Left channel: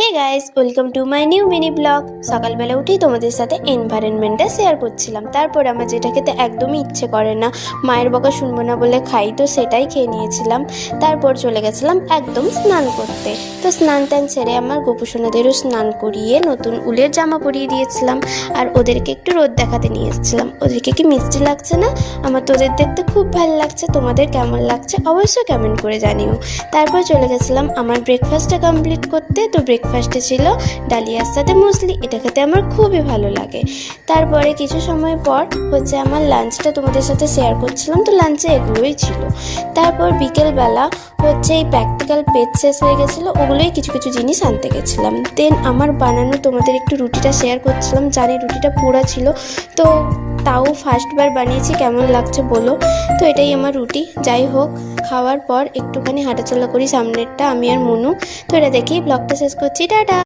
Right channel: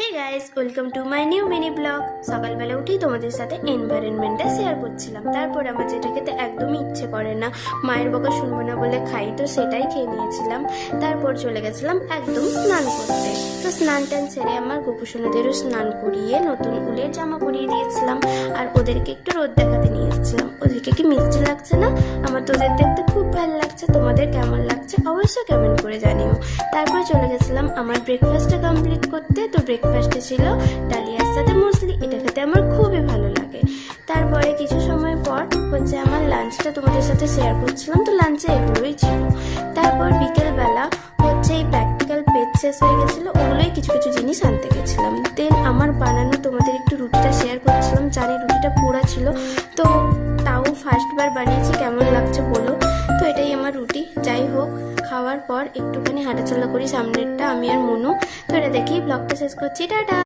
Hey guys, welcome to my new mini blog. সকালবেলা উঠেই তোমাদের সাথে এনভায়রনমেন্টটা শেয়ার করছিলাম। তারপর আমার যেটা খেতে একদমই ইচ্ছে করে না, মায়ের বকা শুনবো না বলে খাই, তো সেটাই খেয়ে নিয়েছিলাম। তারপর চলে গেছিলাম একদম স্নান করতে। তো স্নান টান ছেড়ে আমার গোপুসোনাদেরও স্নান করিয়ে নতুন উলের জামা পরিয়ে দিয়েছিলাম, আর ওদেরকে একটু রোদ দেখাতে নিয়ে এসেছিলাম। ওদেরকে কি মিষ্টি লাগছে না? আমার তো ওদের দেখতে খুব ভালো লাগছে। তোমাদের কেমন লাগছে অবশ্যই কমেন্ট করে জানিও। তারপর চলে গেছিলাম আমার ব্রেকফাস্টটা কমপ্লিট করতে। তো ব্রেকফাস্টে ছিল ডালিয়ার সাথে মুসলি, এটা খেতে আমার খুবই ভালো লাগে। তারপরে কিছু সময় পর আমার লাঞ্চটা তোমাদের সাথে শেয়ার করছিলাম। তো লাঞ্চে এগুলোই ছিল। তারপর বিকেলবেলা এই প্র্যাকটিক্যাল পেজ শেষ হয়ে গেছিলো, ওগুলোই কিছু কিছু জিনিস আনতে গেছিলাম। দেন আমার বানানো তোমাদের একটু রুটিটা শেয়ার করছিলাম। জানি রুটিটা পোড়া ছিল, তো তাও ফার্স্টবার বানিয়েছি, কেমন লাগছে বলো। তো এটাই আমার রুটি। যাই হোক, খাওয়ার পর একটুখানি হাঁটাচলা করি সামনেরটা, আমি আর মনু। তো এটা দেখেই ব্লগটা শেষ করছি। টাটা।